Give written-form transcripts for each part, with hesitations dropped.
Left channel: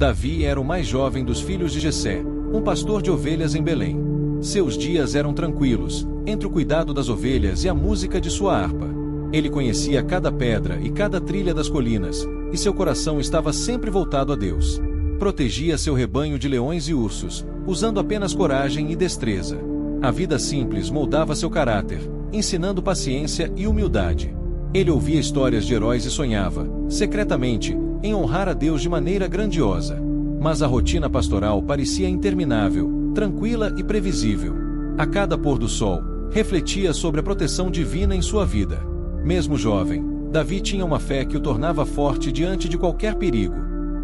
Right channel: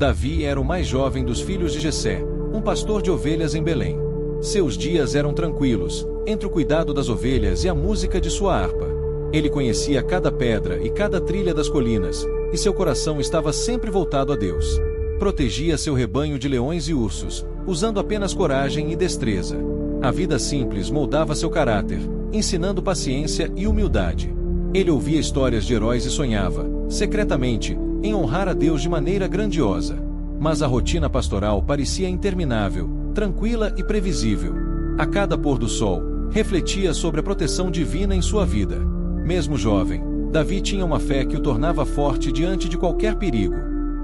Davi era o mais jovem dos filhos de Jessé, um pastor de ovelhas em Belém. Seus dias eram tranquilos, entre o cuidado das ovelhas e a música de sua harpa. Ele conhecia cada pedra e cada trilha das colinas, e seu coração estava sempre voltado a Deus. Protegia seu rebanho de leões e ursos, usando apenas coragem e destreza. A vida simples moldava seu caráter, ensinando paciência e humildade. Ele ouvia histórias de heróis e sonhava, secretamente, em honrar a Deus de maneira grandiosa. Mas a rotina pastoral parecia interminável, tranquila e previsível. A cada pôr do sol, refletia sobre a proteção divina em sua vida. Mesmo jovem, Davi tinha uma fé que o tornava forte diante de qualquer perigo.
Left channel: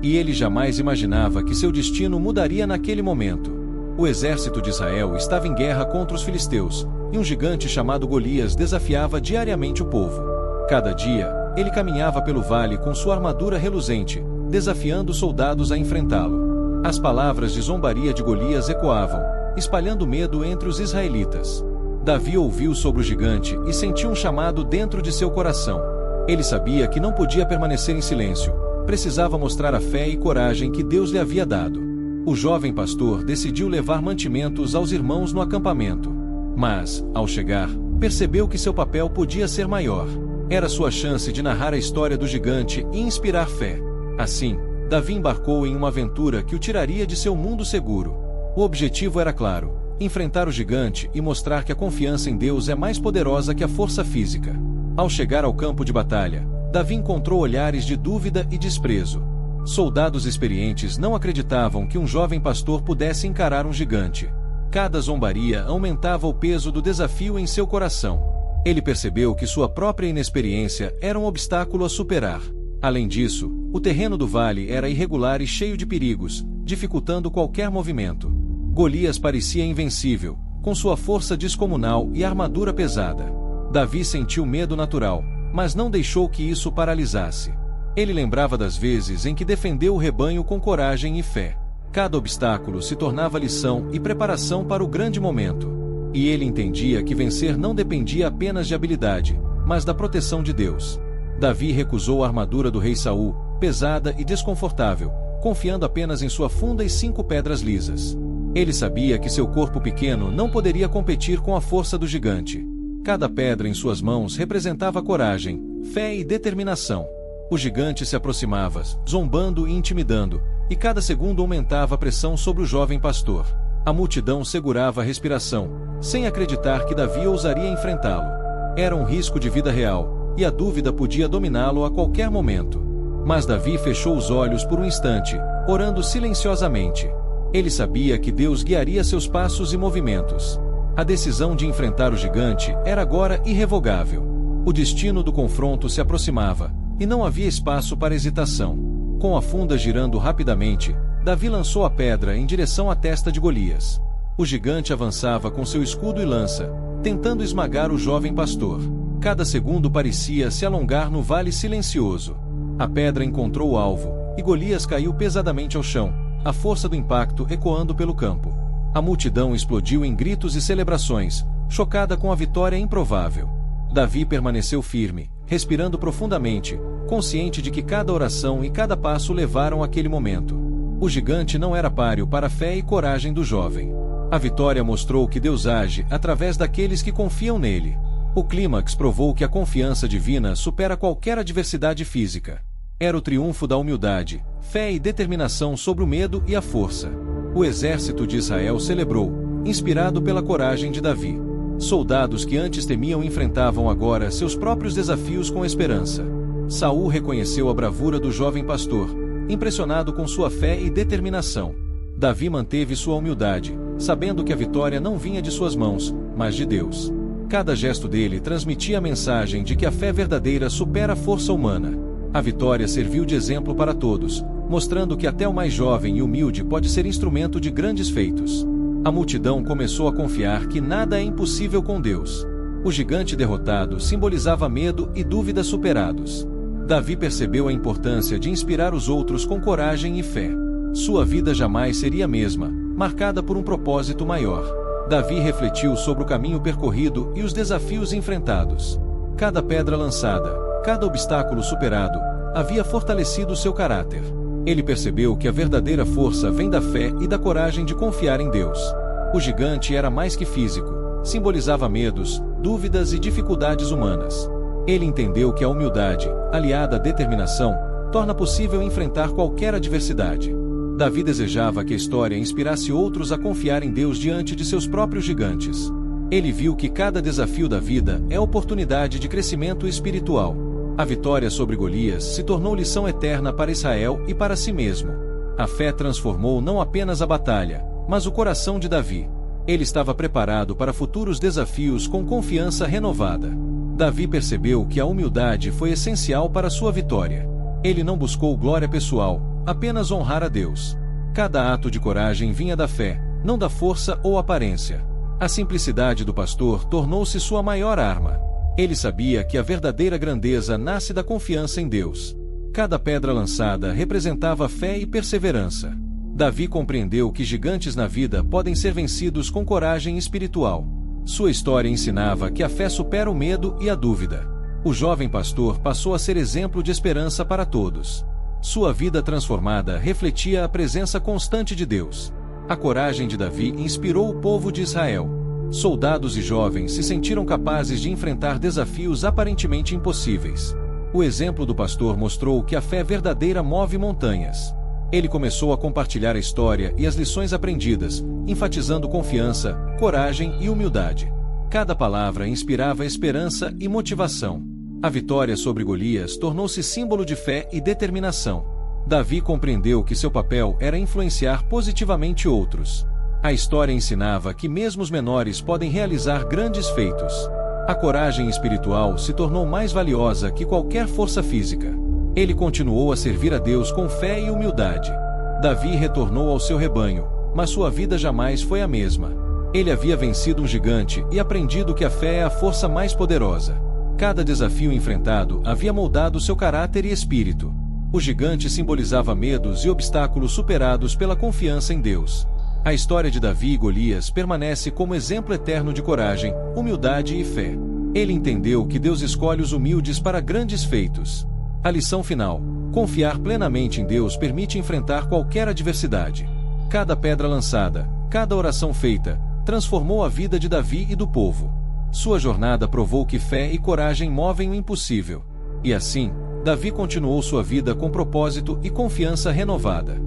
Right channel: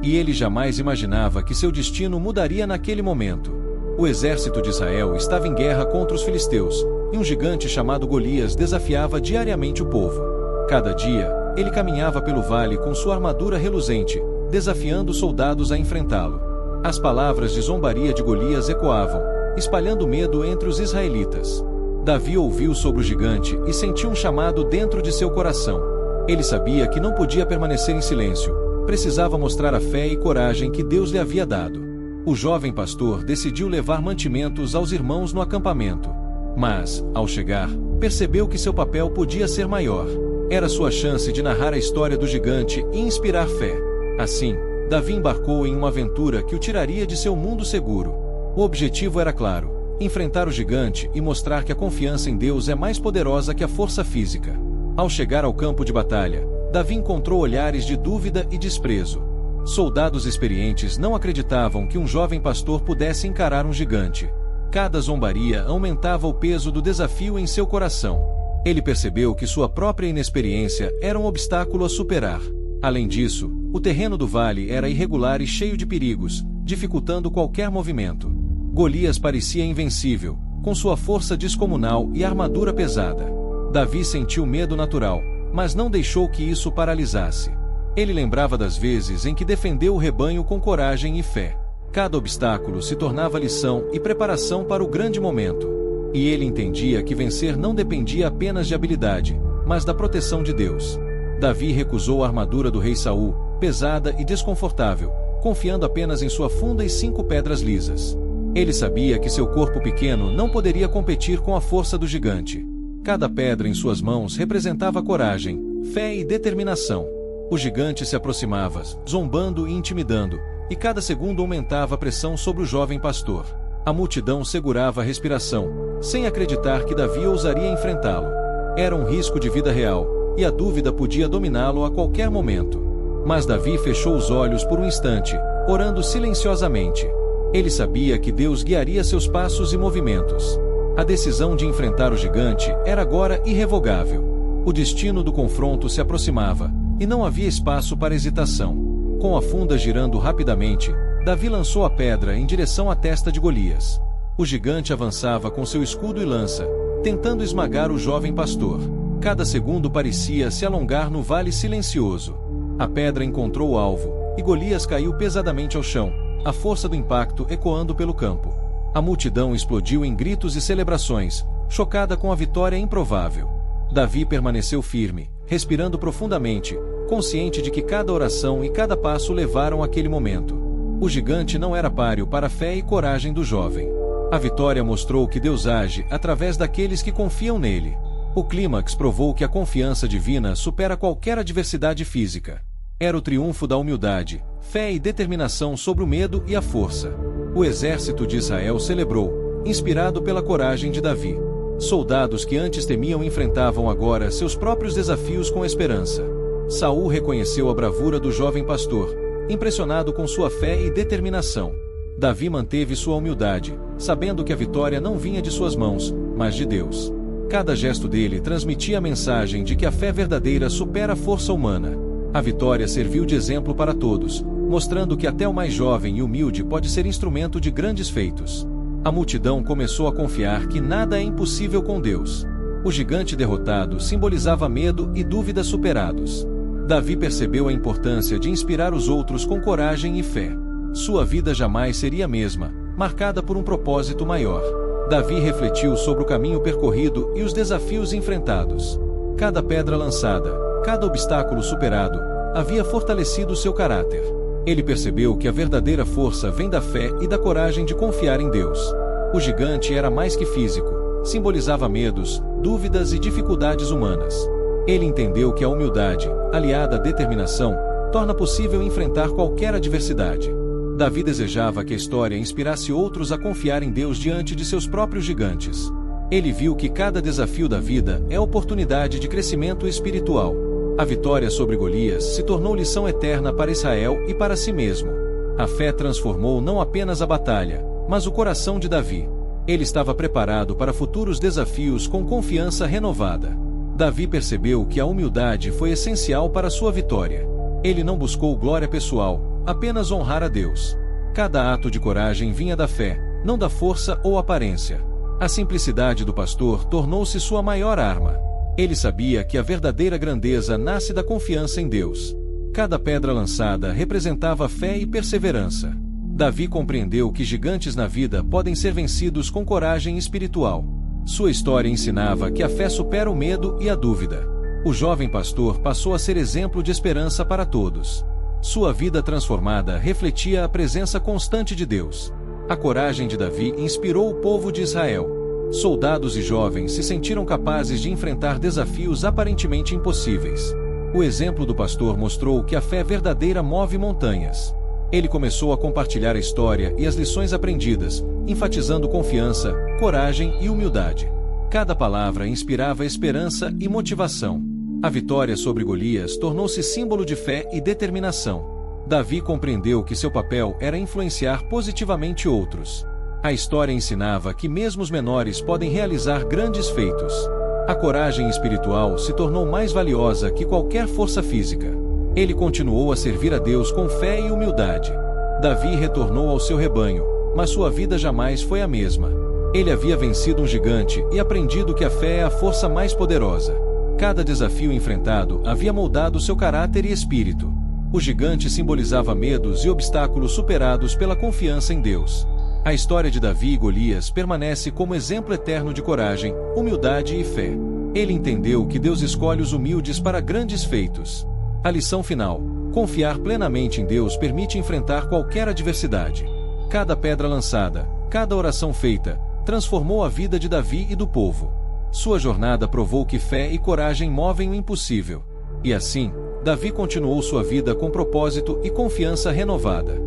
E ele jamais imaginava que seu destino mudaria naquele momento. O exército de Israel estava em guerra contra os filisteus, e um gigante chamado Golias desafiava diariamente o povo. Cada dia, ele caminhava pelo vale com sua armadura reluzente, desafiando os soldados a enfrentá-lo. As palavras de zombaria de Golias ecoavam, espalhando medo entre os israelitas. Davi ouviu sobre o gigante e sentiu um chamado dentro de seu coração. Ele sabia que não podia permanecer em silêncio, precisava mostrar a fé e coragem que Deus lhe havia dado. O jovem pastor decidiu levar mantimentos aos irmãos no acampamento. Mas, ao chegar, percebeu que seu papel podia ser maior. Era sua chance de narrar a história do gigante e inspirar fé. Assim, Davi embarcou em uma aventura que o tiraria de seu mundo seguro. O objetivo era claro: enfrentar o gigante e mostrar que a confiança em Deus é mais poderosa que a força física. Ao chegar ao campo de batalha, Davi encontrou olhares de dúvida e desprezo. Soldados experientes não acreditavam que um jovem pastor pudesse encarar um gigante. Cada zombaria aumentava o peso do desafio em seu coração. Ele percebeu que sua própria inexperiência era um obstáculo a superar. Além disso, o terreno do vale era irregular e cheio de perigos, dificultando qualquer movimento. Golias parecia invencível, com sua força descomunal e armadura pesada. Davi sentiu medo natural, mas não deixou que isso paralisasse. Ele lembrava das vezes em que defendeu o rebanho com coragem e fé. Cada obstáculo se tornava lição e preparação para o grande momento. E ele entendia que vencer não dependia apenas de habilidade, mas da proteção de Deus. Davi recusou a armadura do rei Saul, pesada e desconfortável, confiando apenas em sua funda e 5 pedras lisas. Ele sabia que seu corpo pequeno não poderia competir com a força do gigante. Cada pedra em suas mãos representava coragem, fé e determinação. O gigante se aproximava, zombando e intimidando, e cada segundo aumentava a pressão sobre o jovem pastor. A multidão segurava a respiração, sem acreditar que Davi ousaria enfrentá-lo. Era um risco de vida real, e a dúvida podia dominá-lo a qualquer momento. Mas Davi fechou os olhos por um instante, orando silenciosamente. Ele sabia que Deus guiaria seus passos e movimentos. A decisão de enfrentar o gigante era agora irrevogável. O destino do confronto se aproximava, e não havia espaço para hesitação. Com a funda girando rapidamente, Davi lançou a pedra em direção à testa de Golias. O gigante avançava com seu escudo e lança, tentando esmagar o jovem pastor. Cada segundo parecia se alongar no vale silencioso. A pedra encontrou o alvo, e Golias caiu pesadamente ao chão, a força do impacto ecoando pelo campo. A multidão explodiu em gritos e celebrações, chocada com a vitória improvável. Davi permaneceu firme, respirando profundamente, consciente de que cada oração e cada passo levaram àquele momento. O gigante não era páreo para a fé e coragem do jovem. A vitória mostrou que Deus age através daqueles que confiam nele. O clímax provou que a confiança divina supera qualquer adversidade física. Era o triunfo da humildade, fé e determinação sobre o medo e a força. O exército de Israel celebrou, inspirado pela coragem de Davi. Soldados que antes temiam enfrentavam agora seus próprios desafios com esperança. Saul reconheceu a bravura do jovem pastor, impressionado com sua fé e determinação. Davi manteve sua humildade, sabendo que a vitória não vinha de suas mãos, mas de Deus. Cada gesto dele transmitia a mensagem de que a fé verdadeira supera a força humana. A vitória serviu de exemplo para todos, mostrando que até o mais jovem e humilde pode ser instrumento de grandes feitos. A multidão começou a confiar que nada é impossível com Deus. O gigante derrotado simbolizava medo e dúvidas superados. Davi percebeu a importância de inspirar os outros com coragem e fé. Sua vida jamais seria a mesma, marcada por um propósito maior. Davi refletiu sobre o caminho percorrido e os desafios enfrentados. Cada pedra lançada, cada obstáculo superado, havia fortalecido seu caráter. Ele percebeu que a verdadeira força vem da fé e da coragem de confiar em Deus. O gigante era mais que físico, simbolizava medos, dúvidas e dificuldades humanas. Ele entendeu que a humildade, aliada à determinação, torna possível enfrentar qualquer adversidade. Davi desejava que a história inspirasse outros a confiar em Deus diante de seus próprios gigantes. Ele viu que cada desafio da vida é oportunidade de crescimento espiritual. A vitória sobre Golias se tornou lição eterna para Israel e para si mesmo. A fé transformou não apenas a batalha, mas o coração de Davi. Ele estava preparado para futuros desafios com confiança renovada. Davi percebeu que a humildade foi essencial para sua vitória. Ele não buscou glória pessoal, apenas honrar a Deus. Cada ato de coragem vinha da fé, não da força ou aparência. A simplicidade do pastor tornou-se sua maior arma. Ele sabia que a verdadeira grandeza nasce da confiança em Deus. Cada pedra lançada representava fé e perseverança. Davi compreendeu que gigantes na vida podem ser vencidos com coragem espiritual. Sua história ensinava que a fé supera o medo e a dúvida. O jovem pastor passou a ser exemplo de esperança para todos. Sua vida transformada refletia a presença constante de Deus. A coragem de Davi inspirou o povo de Israel. Soldados e jovens se sentiram capazes de enfrentar desafios aparentemente impossíveis. O exemplo do pastor mostrou que a fé verdadeira move montanhas. Ele começou a compartilhar a história e as lições aprendidas, enfatizando confiança, coragem e humildade. Cada palavra inspirava esperança e motivação. A vitória sobre Golias tornou-se símbolo de fé e determinação. Davi compreendeu que seu papel era influenciar positivamente outros. A história ensinava que mesmo os menores podem realizar grandes feitos. A coragem espiritual se tornou mais valiosa que qualquer força física. Ele continuou a servir a Deus com fé e humildade. Davi retornou ao seu rebanho, mas sua vida jamais foi a mesma. Ele havia vencido um gigante e aprendido que a fé é a força mais poderosa. Cada desafio enfrentado havia moldado seu caráter e espírito. O gigante simbolizava medos e obstáculos superados pela confiança em Deus. A história de Davi e Golias permanece como exemplo eterno de coragem, humildade e fé. Ele entendeu que Deus escolhe os humildes para grandes feitos. A lição final: confiar plenamente em Deus permite enfrentar qualquer adversidade. Cada pedra lançada, cada oração feita, transformou a vida de Davi e do povo. Sua jornada provou que fé e coragem movem o impossível. E assim, Davi continuou sua vida com propósito e confiança renovada.